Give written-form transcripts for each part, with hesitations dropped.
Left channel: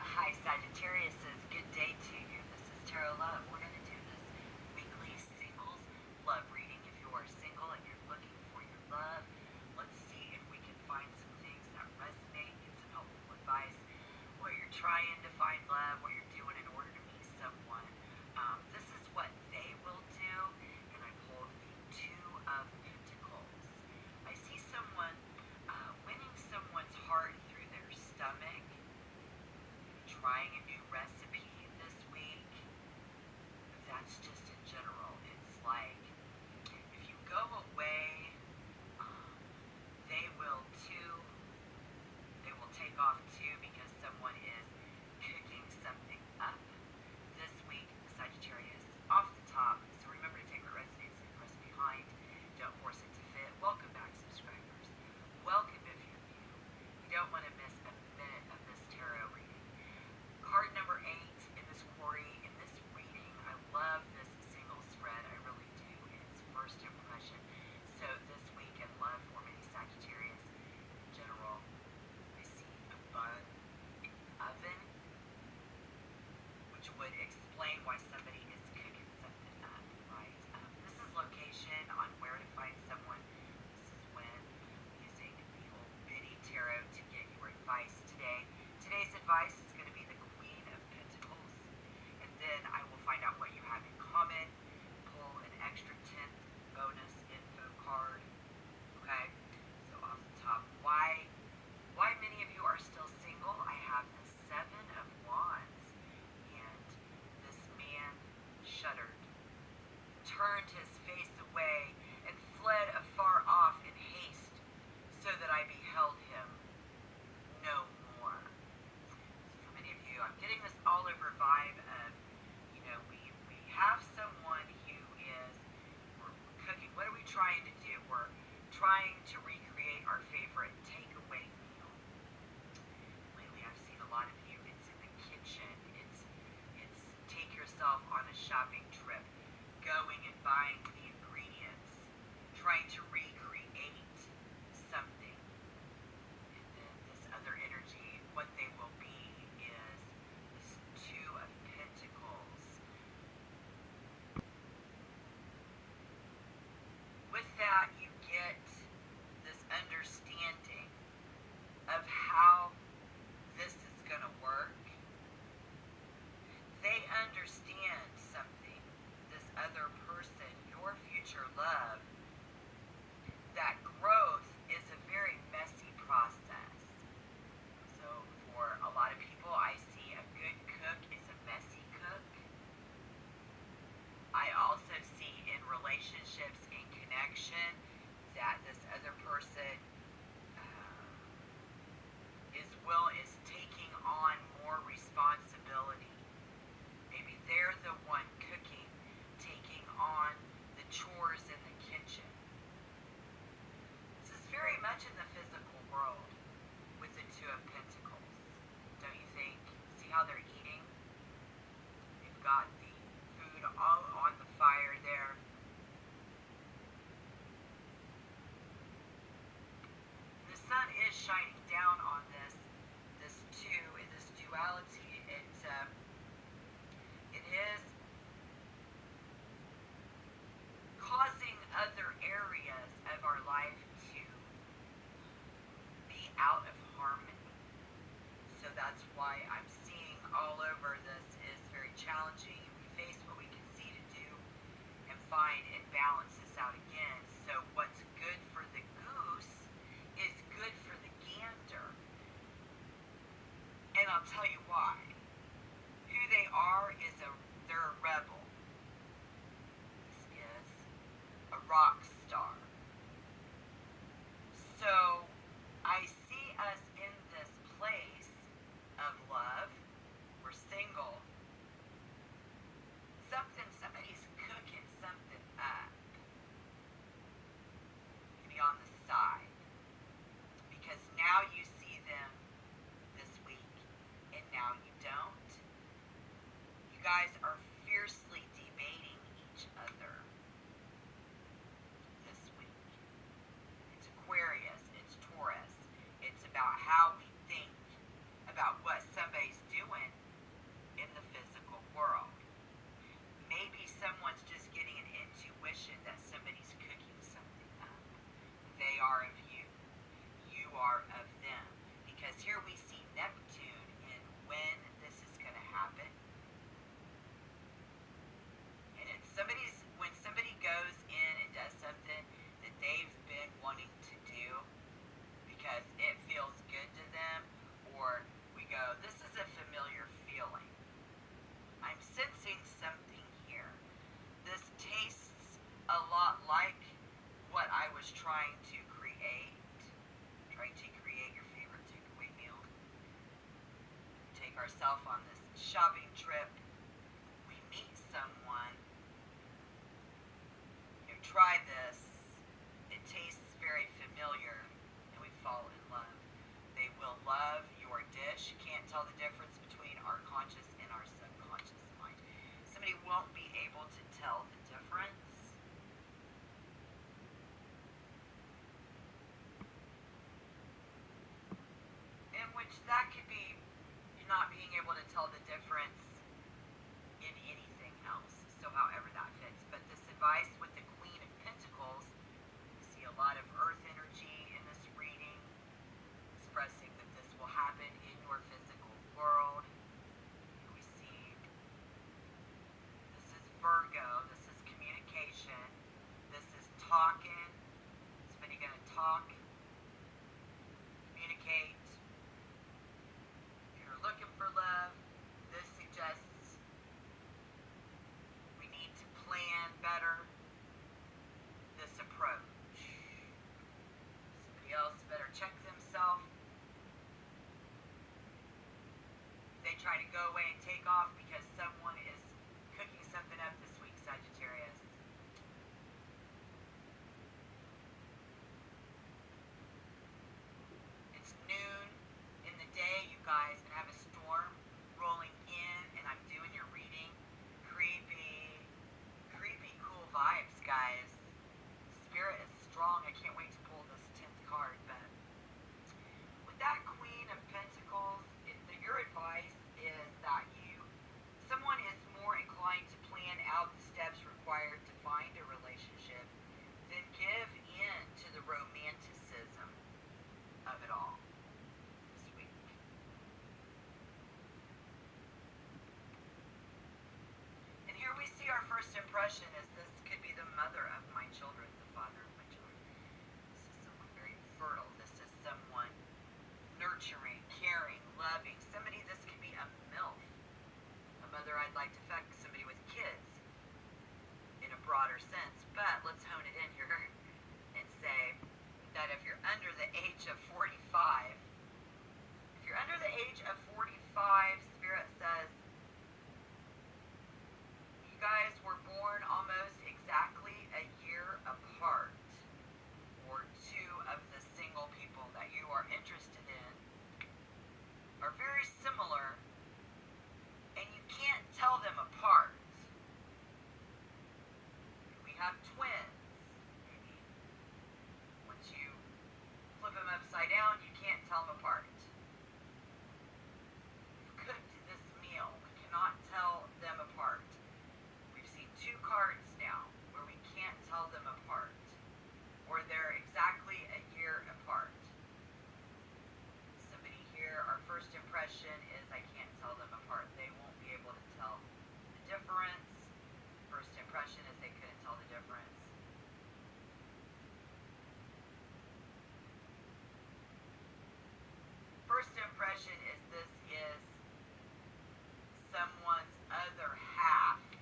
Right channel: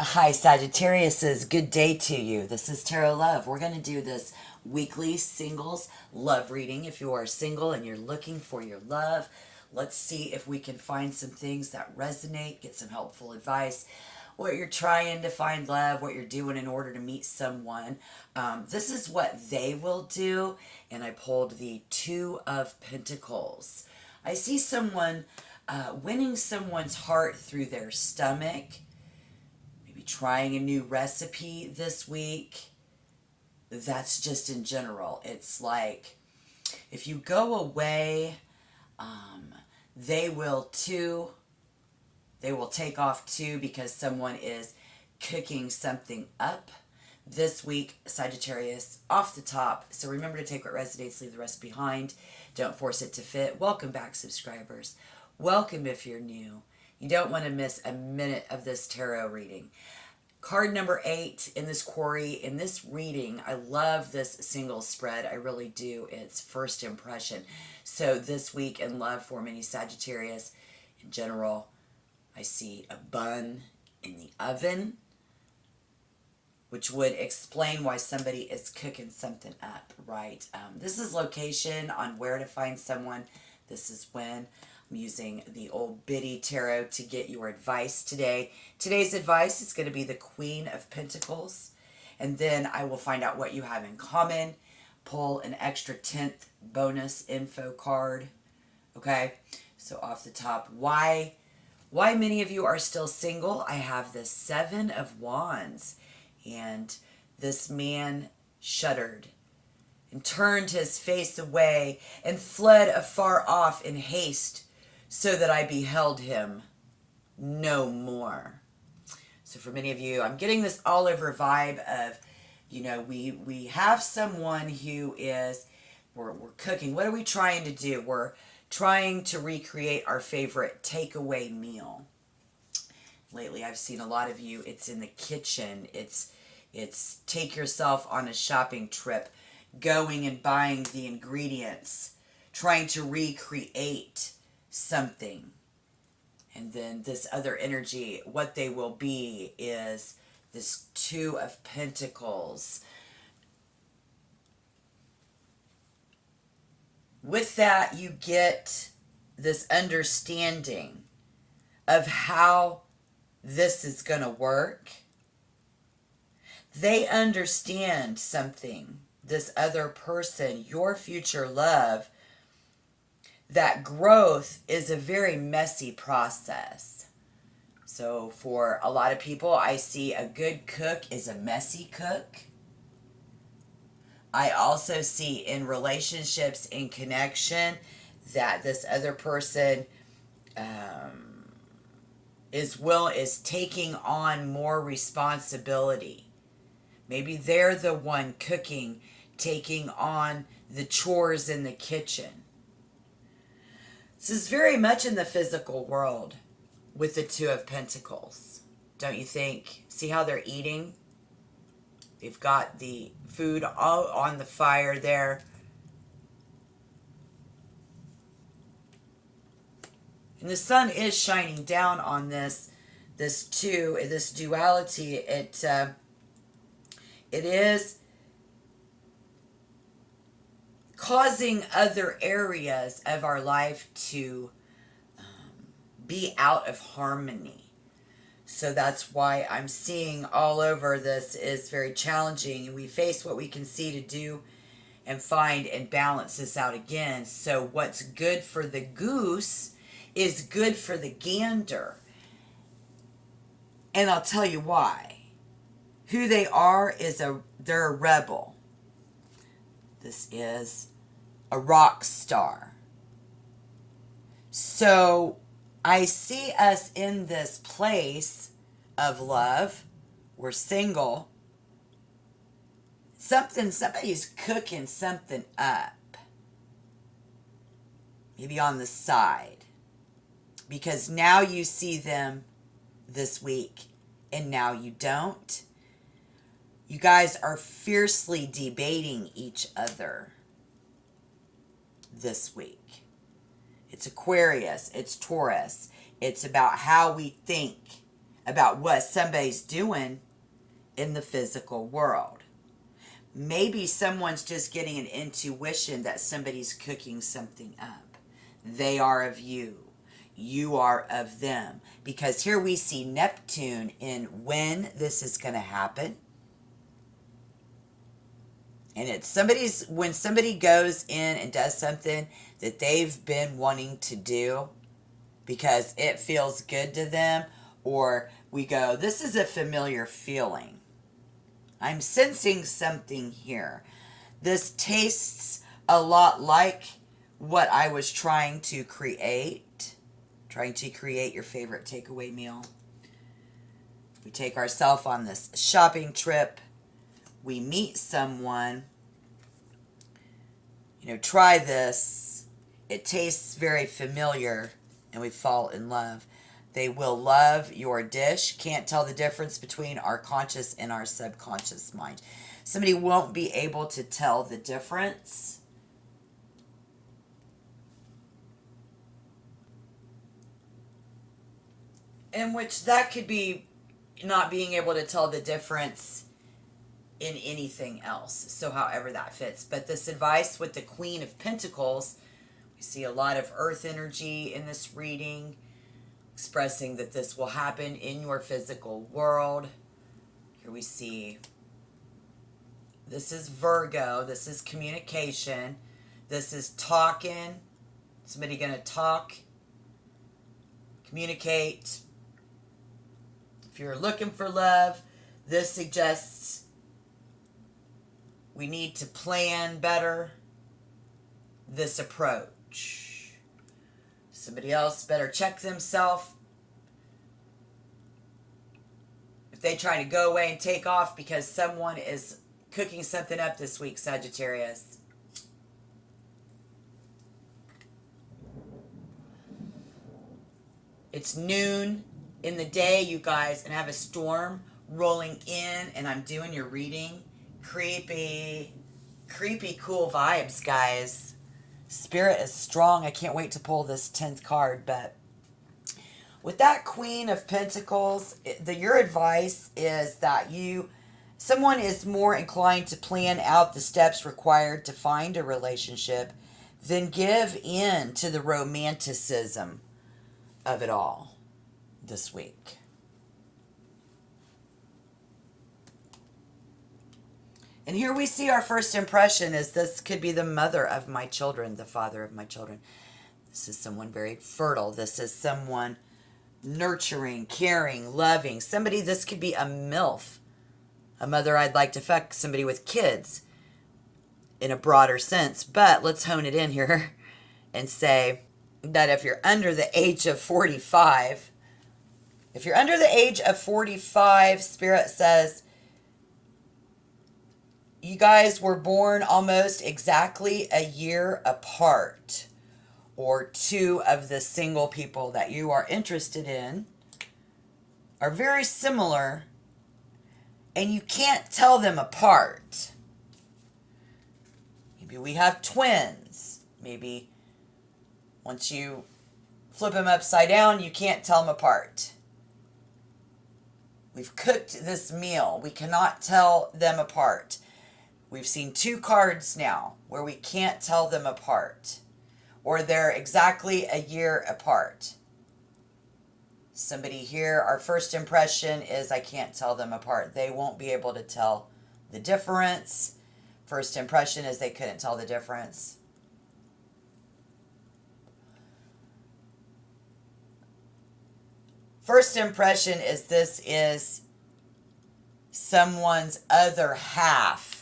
Hi, Sagittarius. Good day to you. This is Tarot Love. We're going to do this weekly singles love reading. If you are single and you're looking for your love, let's see if we can find some things that resonate, get some helpful advice, what you're trying to find love, what you're doing in order to meet someone. This is what they will do, and I pulled the Two of Pentacles. I see someone winning someone's heart through their stomach, trying a new recipe this week. That's just in general. It's like if you go away, they will too. They will take off too because someone is cooking something up this week, Sagittarius, off the top. So remember to take what resonates, leave the rest behind. Don't force it to fit. Welcome back, subscribers. Welcome if you're new. You don't want to miss a minute of this tarot reading. Card number 8 in this quarry, in this reading. I love this single spread. I really do. It's first impression. So this week in love for many Sagittarius, in general, I see a bun in the oven, which would explain why somebody is cooking something up, right? This is location on where to find someone. This is when. I'm using the old Biddy Tarot to get your advice today. Today's advice is going to be the Queen of Pentacles. And then I will find out what you have in common. Pull an extra 10th bonus info card. Okay? So off the top, why many of you are still single? I have the Seven of Wands. And this man shuddered and turned his face away and fled afar off in haste, so that I beheld him no more. So for many of you, I'm getting this all over vibe of, we have someone who is, we're cooking. What are we trying to do? We're trying to recreate our favorite takeaway meal. Lately, I've seen a lot of you, it's in the kitchen. It's take yourself on a shopping trip, going and buying the ingredients, trying to recreate something. And then this other energy, what they will be is this Two of Pentacles. With that, you get this understanding of how this is going to work. They understand something, this other person, your future love, that growth is a very messy process. So for a lot of people, I see a good cook is a messy cook. I also see in relationships, in connection, that this other person is taking on more responsibility. Maybe they're the one cooking, taking on the chores in the kitchen. This is very much in the physical world with the Two of Pentacles, don't you think? See how they're eating? They've got the food all on the fire there. And the sun is shining down on this duality. It is causing other areas of our life to be out of harmony. So that's why I'm seeing all over this is very challenging. And we face what we can see to do and find and balance this out again. So what's good for the goose is good for the gander. And I'll tell you why. Who they are is they're a rebel. This is a rock star. So I see us in this place of love. We're single. Somebody's cooking something up. Maybe on the side. Because now you see them this week and now you don't. You guys are fiercely debating each other this week. It's Aquarius, it's Taurus. It's about how we think about what somebody's doing in the physical world. Maybe someone's just getting an intuition that somebody's cooking something up. They are of you. You are of them. Because here we see Neptune in when this is going to happen. And it's when somebody goes in and does something that they've been wanting to do because it feels good to them, or we go, this is a familiar feeling. I'm sensing something here. This tastes a lot like what I was trying to create. Trying to create your favorite takeaway meal. We take ourselves on this shopping trip. We meet someone. Try this. It tastes very familiar, and we fall in love. They will love your dish. Can't tell the difference between our conscious and our subconscious mind. Somebody won't be able to tell the difference. In which that could be not being able to tell the difference in anything else. So however that fits. But this advice with the Queen of Pentacles, we see a lot of earth energy in this reading, expressing that this will happen in your physical world. Here we see, this is Virgo, this is communication, this is talking, somebody going to talk, communicate. If you're looking for love, this suggests we need to plan better this approach. Somebody else better check themselves. If they try to go away and take off because someone is cooking something up this week, Sagittarius. It's noon in the day, you guys, and I have a storm rolling in, and I'm doing your reading. Creepy cool vibes, guys. Spirit is strong. I can't wait to pull this 10th card. But with that Queen of Pentacles, your advice is that someone is more inclined to plan out the steps required to find a relationship than give in to the romanticism of it all this week. And here we see our first impression is this could be the mother of my children, the father of my children. This is someone very fertile. This is someone nurturing, caring, loving. This could be a MILF, a mother I'd like to fuck, somebody with kids in a broader sense. But let's hone it in here and say that if you're under the age of 45, Spirit says, you guys were born almost exactly a year apart, or two of the single people that you are interested in are very similar, and you can't tell them apart. Maybe we have twins. Maybe once you flip them upside down, you can't tell them apart. We've cooked this meal. We cannot tell them apart. We've seen two cards now where we can't tell them apart, or they're exactly a year apart. Somebody here, our first impression is I can't tell them apart. They won't be able to tell the difference. First impression is they couldn't tell the difference. First impression is this is someone's other half.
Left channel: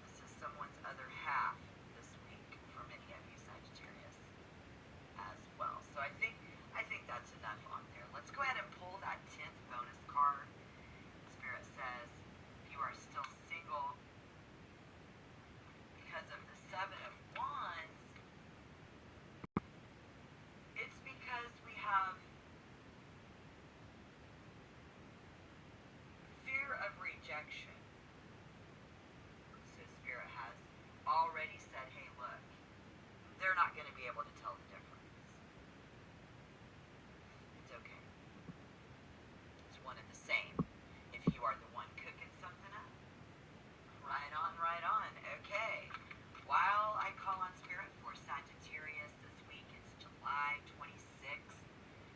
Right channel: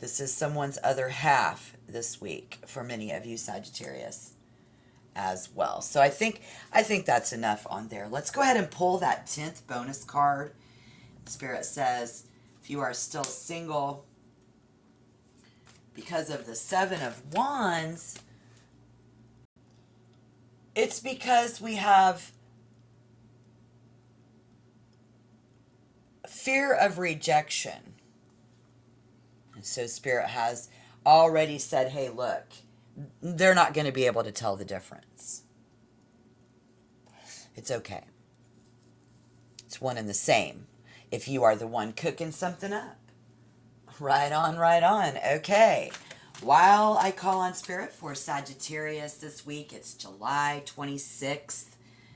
This is someone's other half this week for many of you, Sagittarius, as well. So I think that's enough on there. Let's go ahead and pull that 10th bonus card. Spirit says, if you are still single, because of the 7 of Wands, it's because we have fear of rejection. So Spirit has already said, hey, look, they're not going to be able to tell the difference. It's okay. It's one and the same if you are the one cooking something up. Right on, right on. Okay. While I call on Spirit for Sagittarius this week, it's July 26th,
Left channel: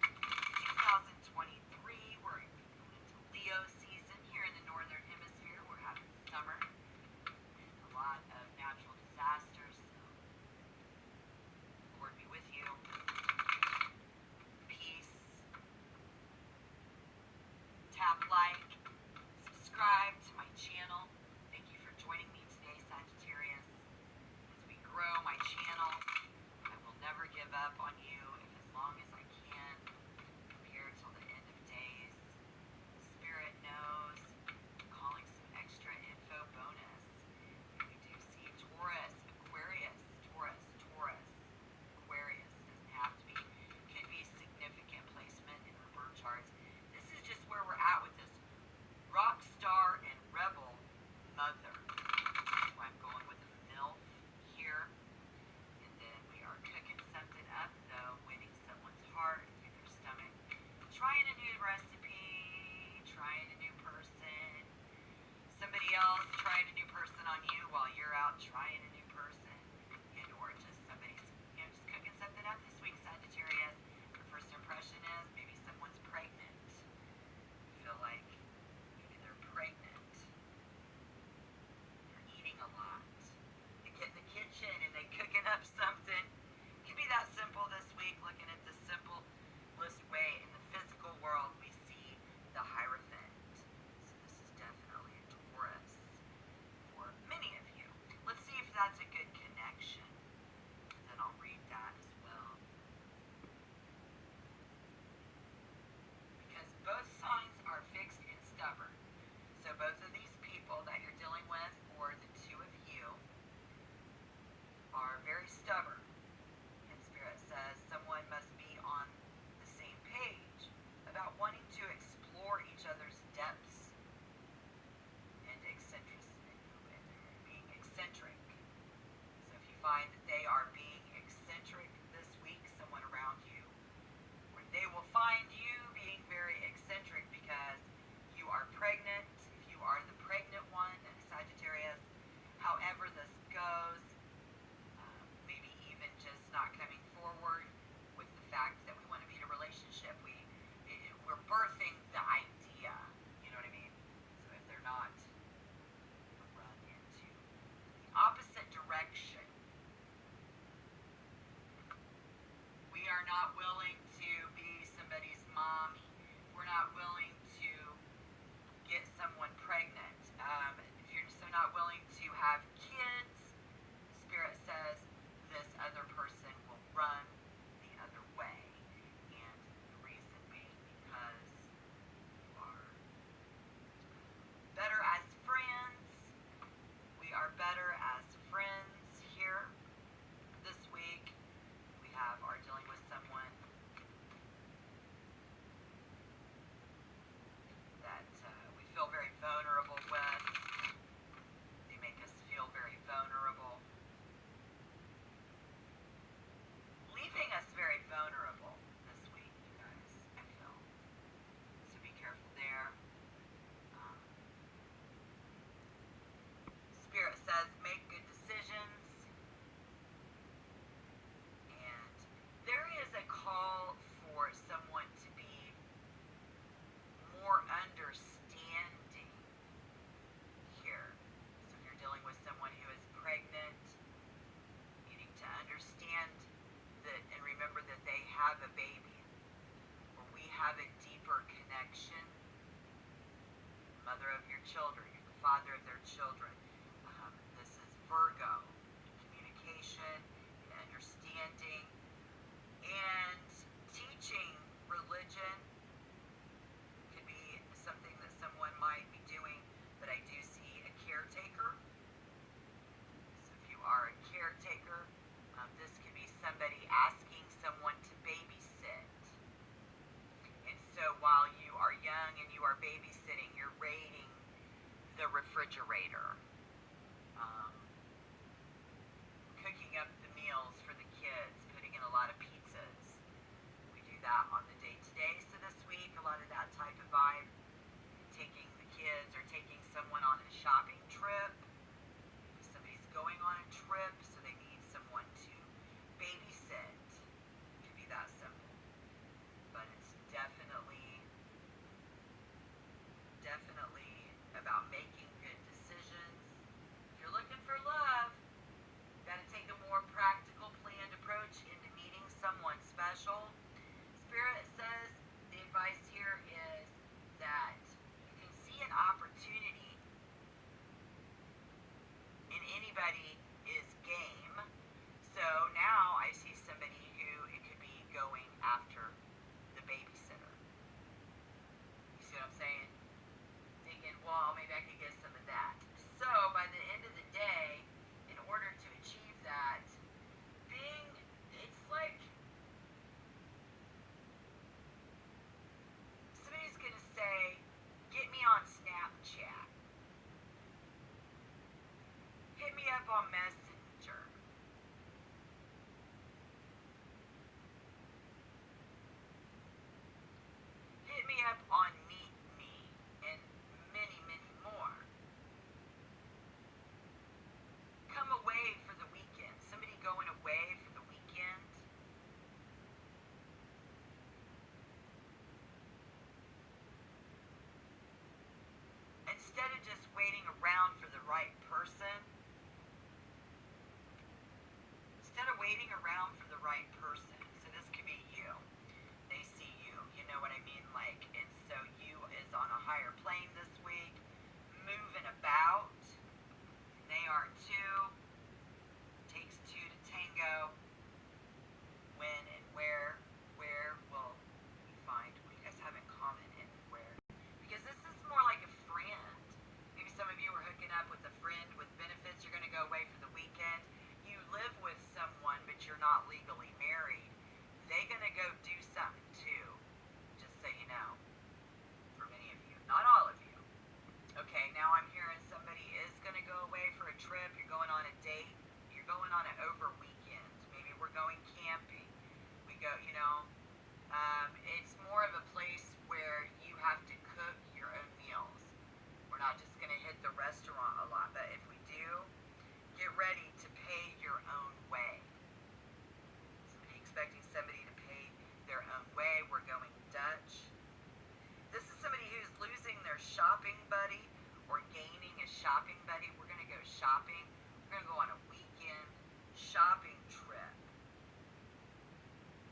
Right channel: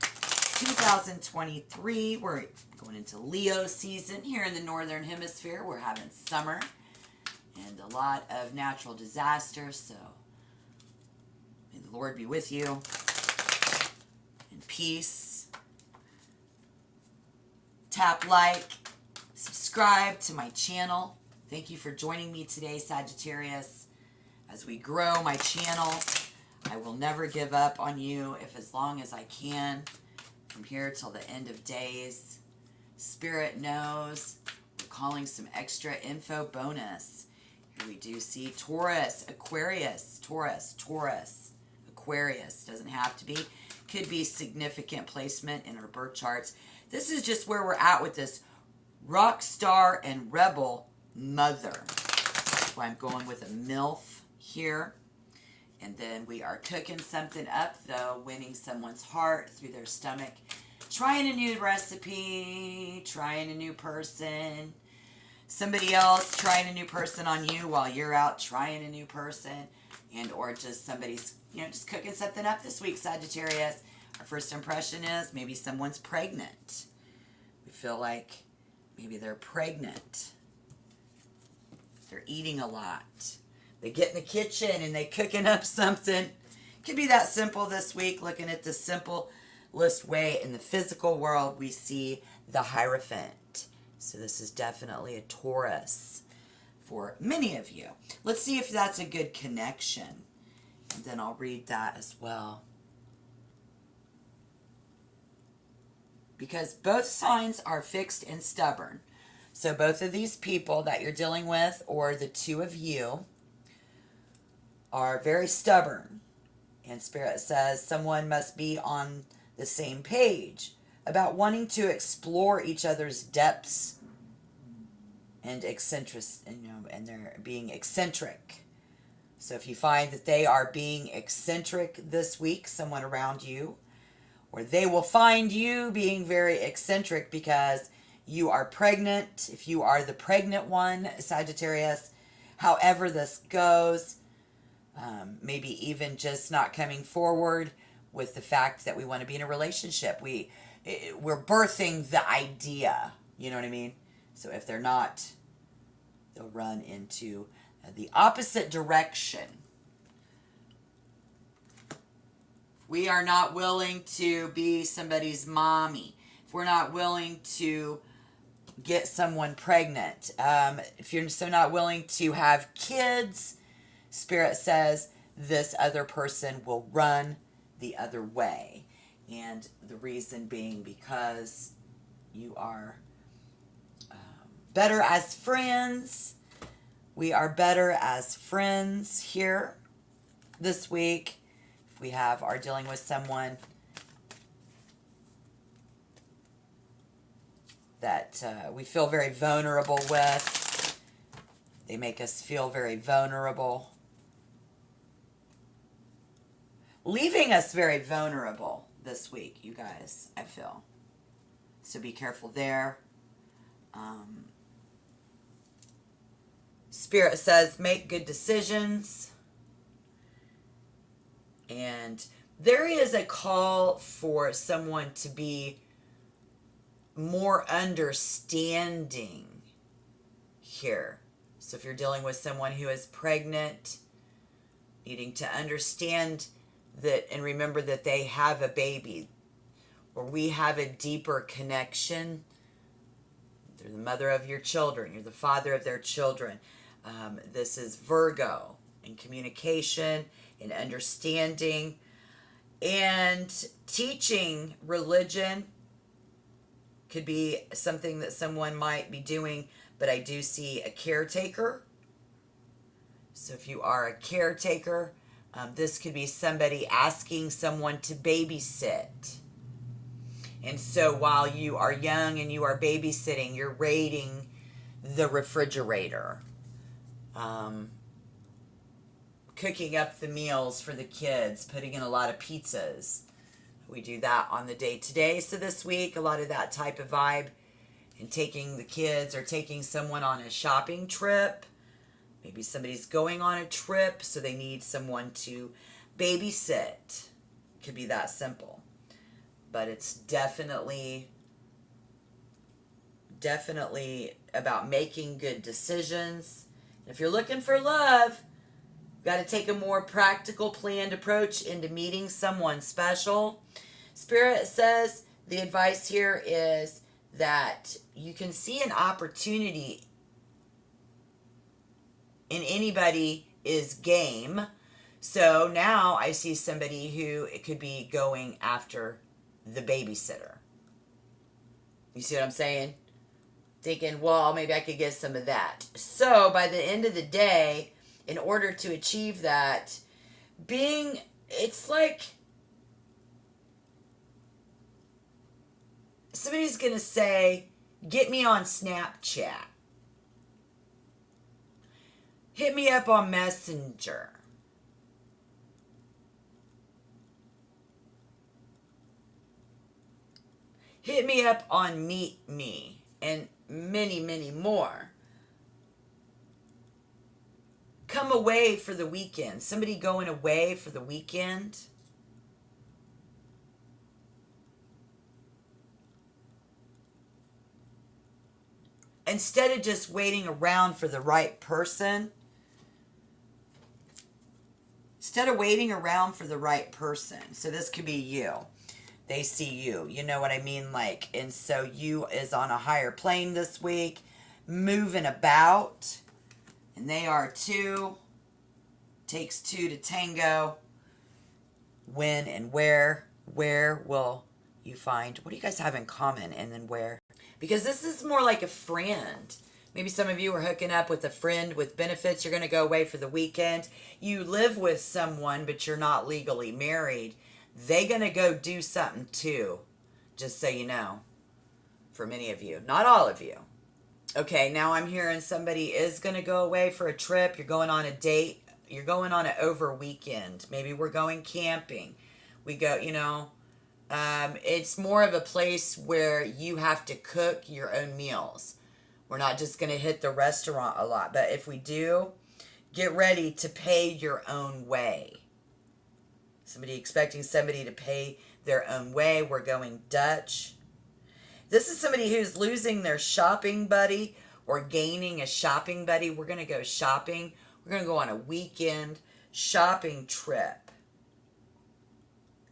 2023. We're going into Leo season here in the Northern Hemisphere. We're having summer and a lot of natural disasters, so may the Lord be with you in peace. Tap like, subscribe to my channel. Thank you for joining me today, Sagittarius. As we grow my channel, I will never give up on you as long as I can, from here till the end of days. Spirit knows we're calling some extra info bonus. Here we do see Taurus, Aquarius, Taurus, Aquarius. Doesn't have to be. Could be significant placement in our birth charts. This is just where we're at with this rock star and rebel mother. That's why I'm going with a MILF here. And then we are cooking something up, though, winning someone's heart through their stomach. Trying a new recipe, trying a new person. Somebody else trying a new person on you while you're out trying a new person. And or just somebody's, just cooking something up this week, Sagittarius. Our first impression is maybe someone's pregnant. You feel like maybe they're pregnant. They're eating a lot. They get in the kitchen and they cooking up something. Could be that simple this week. Looking at the simplest way in the physical world, we see the Hierophant. So this is definitely a Taurus for many of you. Let's see if that's a good connection. And then I'll read that as well. Because both signs are fixed and stubborn. So both of these people that you're dealing with, or the two of you, are very stubborn. And Spirit says someone must be on the same page about wanting to explore each other's depths and eccentric, and they're being eccentric. So if you find that they are being eccentric this week, someone around you, or they will find you being very eccentric because you are pregnant, if you are the pregnant one, Sagittarius, however this goes, maybe even just not coming forward with the fact that we want to be in a relationship. We're birthing the idea, you know what I mean? So if they're not, they'll run into the opposite direction. We are not willing to be somebody's mommy. If we're not willing to get someone pregnant, if you're so not willing to have kids, Spirit says this other person will run the other way. And the reason being because you are better as friends. We are better as friends here this week. If we are dealing with someone that we feel very vulnerable with, they make us feel very vulnerable, leaving us very vulnerable this week, you guys, I feel. So be careful there. Spirit says make good decisions. And there is a call for someone to be more understanding here. So if you're dealing with someone who is pregnant, needing to understand that and remember that they have a baby, or we have a deeper connection. You're the mother of your children. You're the father of their children. This is Virgo in communication and understanding and teaching religion. Could be something that someone might be doing, but I do see a caretaker. So if you are a caretaker, this could be somebody asking someone to babysit. And so while you are young and you are babysitting, you're raiding the refrigerator, cooking up the meals for the kids, putting in a lot of pizzas. We do that on the day today. So this week, a lot of that type of vibe, and taking the kids or taking someone on a shopping trip. Maybe somebody's going on a trip, so they need someone to babysit. Could be that simple. But it's definitely about making good decisions. If you're looking for love, you've got to take a more practical, planned approach into meeting someone special. Spirit says the advice here is that you can see an opportunity in anybody is game. So now I see somebody who it could be going after the babysitter. You see what I'm saying? Thinking, well, maybe I could get some of that. So by the end of the day, in order to achieve that, it's like somebody's going to say, get me on Snapchat. Hit me up on Messenger. Hit me up on Meet Me, and many, many more. Come away for the weekend. Somebody going away for the weekend. Instead of just waiting around for the right person, so this could be you. They see you. You know what I mean? Like, and so you is on a higher plane this week, moving about, and they are too. Takes two to tango. When and where? Where will you find? What do you guys have in common? And then where? Because this is more like a friend. Maybe some of you are hooking up with a friend with benefits. You're going to go away for the weekend. You live with someone, but you're not legally married. They're going to go do something too, just so you know, for many of you. Not all of you. Okay, now I'm hearing somebody is going to go away for a trip. You're going on a date. You're going on an over weekend. Maybe we're going camping. We go, it's more of a place where you have to cook your own meals. We're not just going to hit the restaurant a lot. But if we do, get ready to pay your own way. Somebody expecting somebody to pay their own way. We're going Dutch. This is somebody who's losing their shopping buddy or gaining a shopping buddy. We're going to go shopping. We're going to go on a weekend shopping trip.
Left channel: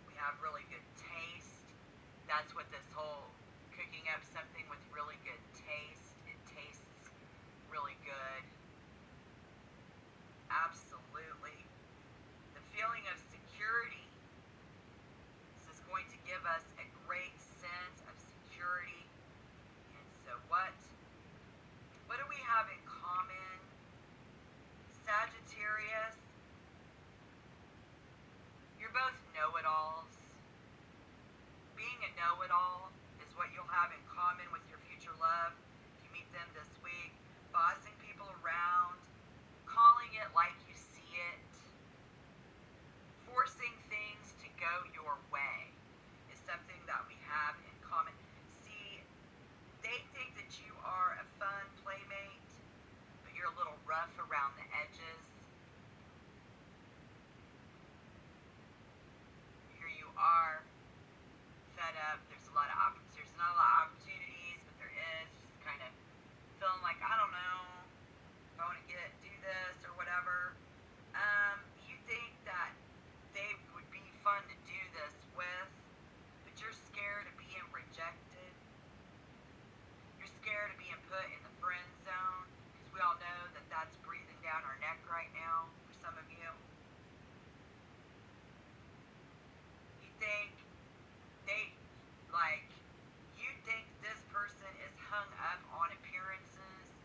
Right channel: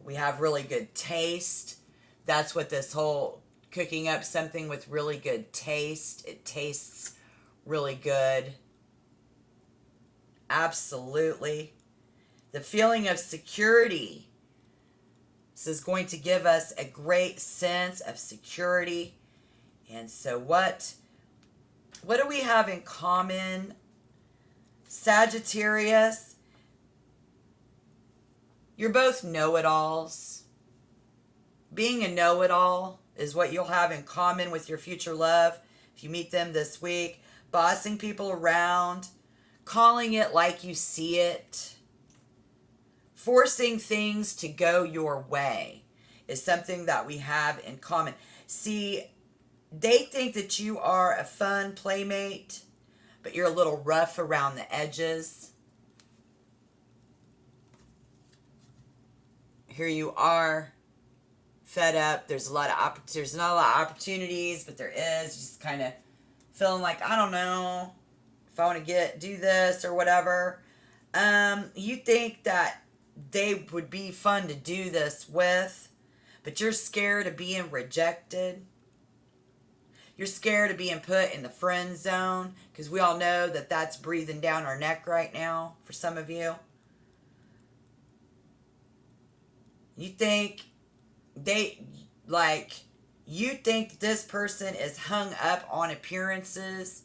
We have really good taste. That's what this whole cooking up something with really good taste. It tastes really good. Absolutely. The feeling of security. This is going to give us a great sense of security. And so what do we have in common? Sagittarius. You're both know-it-alls. Being a know-it-all is what you'll have in common with your future love if you meet them this week. Bossing people around. Calling it like you see it. Forcing things to go your way is something that we have in common. See, they think that you are a fun playmate, but you're a little rough around the edges. Here you are, fed up. There's not a lot of opportunities, but there is. Just kind of feeling like, I don't know if I want to do this or whatever. You think that they would be fun to do this with, but you're scared of being rejected. You're scared of being put in the friend zone, because we all know that that's breathing down our neck right now for some of you. You think this person is hung up on appearances.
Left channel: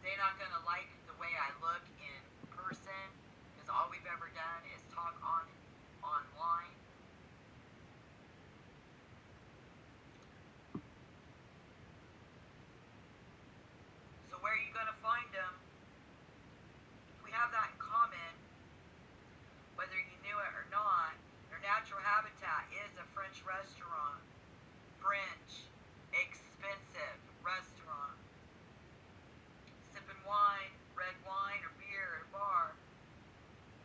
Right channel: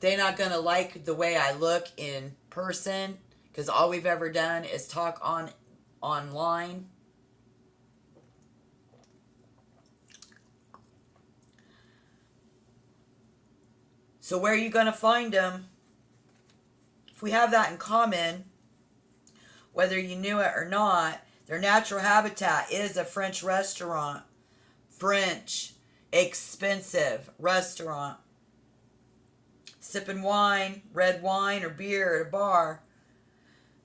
They're not going to like the way I look in person, because all we've ever done is talk online. So where are you going to find them? If we have that in common, whether you knew it or not, Their natural habitat is a French restaurant. French, expensive restaurant. Sipping wine, red wine or beer at a bar.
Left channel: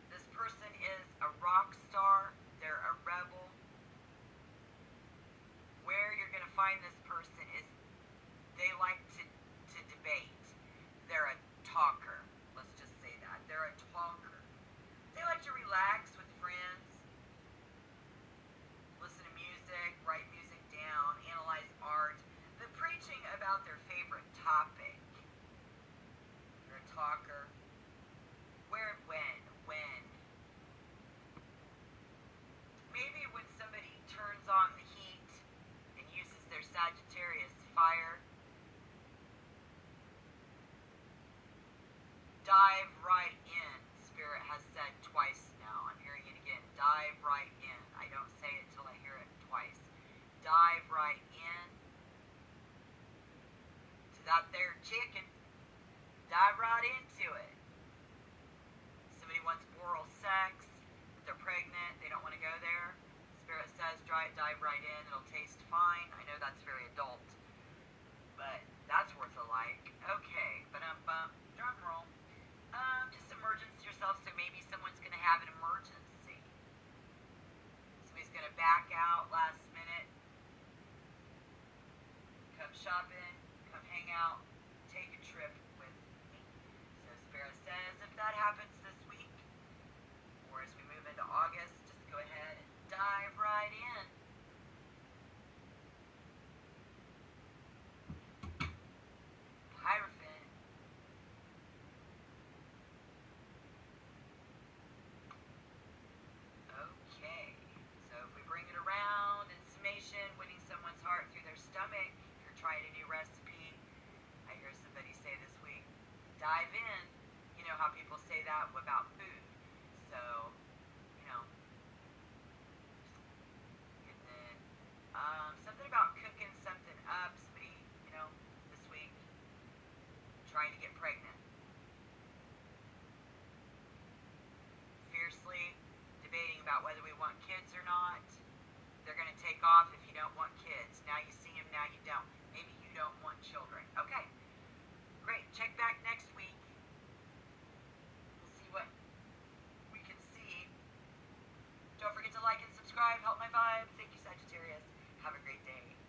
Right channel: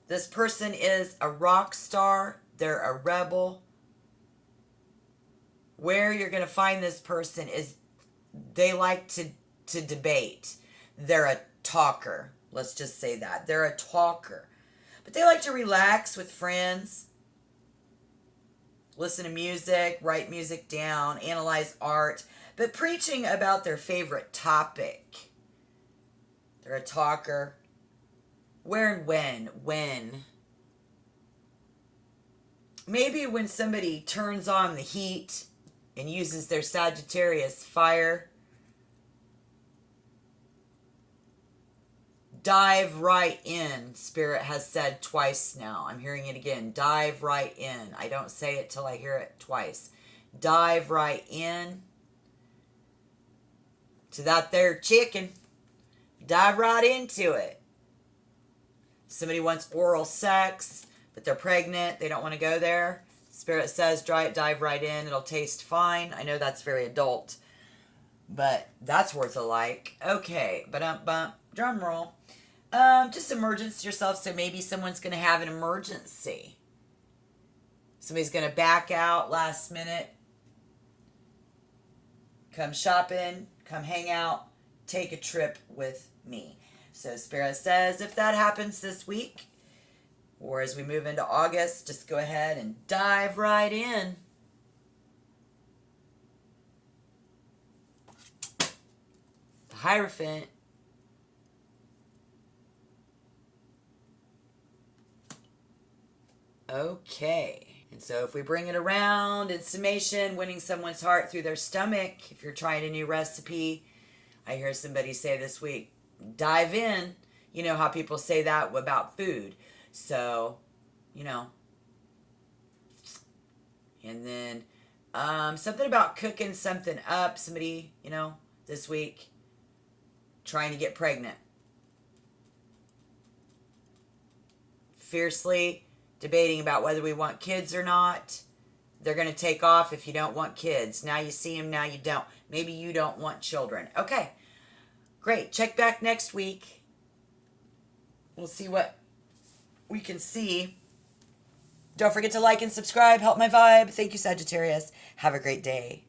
This person is a rock star. They're a rebel. Where you're going to find this person is they like to debate. They're a talker. Let's just say that. They're a talker. But they like to relax with friends, listen to music, write music down, analyze art, but preaching about their favorite topic. They're a talker. Where and when? When? Maybe when somebody turns on the heat and uses their Sagittarius fire. Dive right in, Spirit has said twice now. I'm hearing it again. Dive right in. I don't say it till I hear it twice. Dive right in to that there chicken. Dive right into it. Somebody wants oral sex, but they're pregnant. They don't want to go there. Spirit says dive right in. It'll taste fine. I know that's very adult, but that's worth a like. Okay, drum roll. Just emergence yourself, so maybe someone's going to have an emergency. Somebody's going to back out last minute. Come shopping, come hang out, take a trip with me. So Spirit says if that happens this week, or as we move into August, just go ahead and dive right in. The Hierophant. Okay, and so if we bring it around in summation, winning someone's heart through their stomach, if you're trying a new recipe, I hear somebody say this week, dive in. You know how people say that about food. So, you know. And then something about cooking something up. Somebody, this week trying to get pregnant. Fiercely debating about whether we want kids or not. They're going to take off if you don't want kids. Now you see them, now you don't. Maybe you don't want children. Okay, great. Check back next week. We'll see what we can see. Don't forget to like and subscribe. Help my vibe. Thank you, Sagittarius. Have a great day.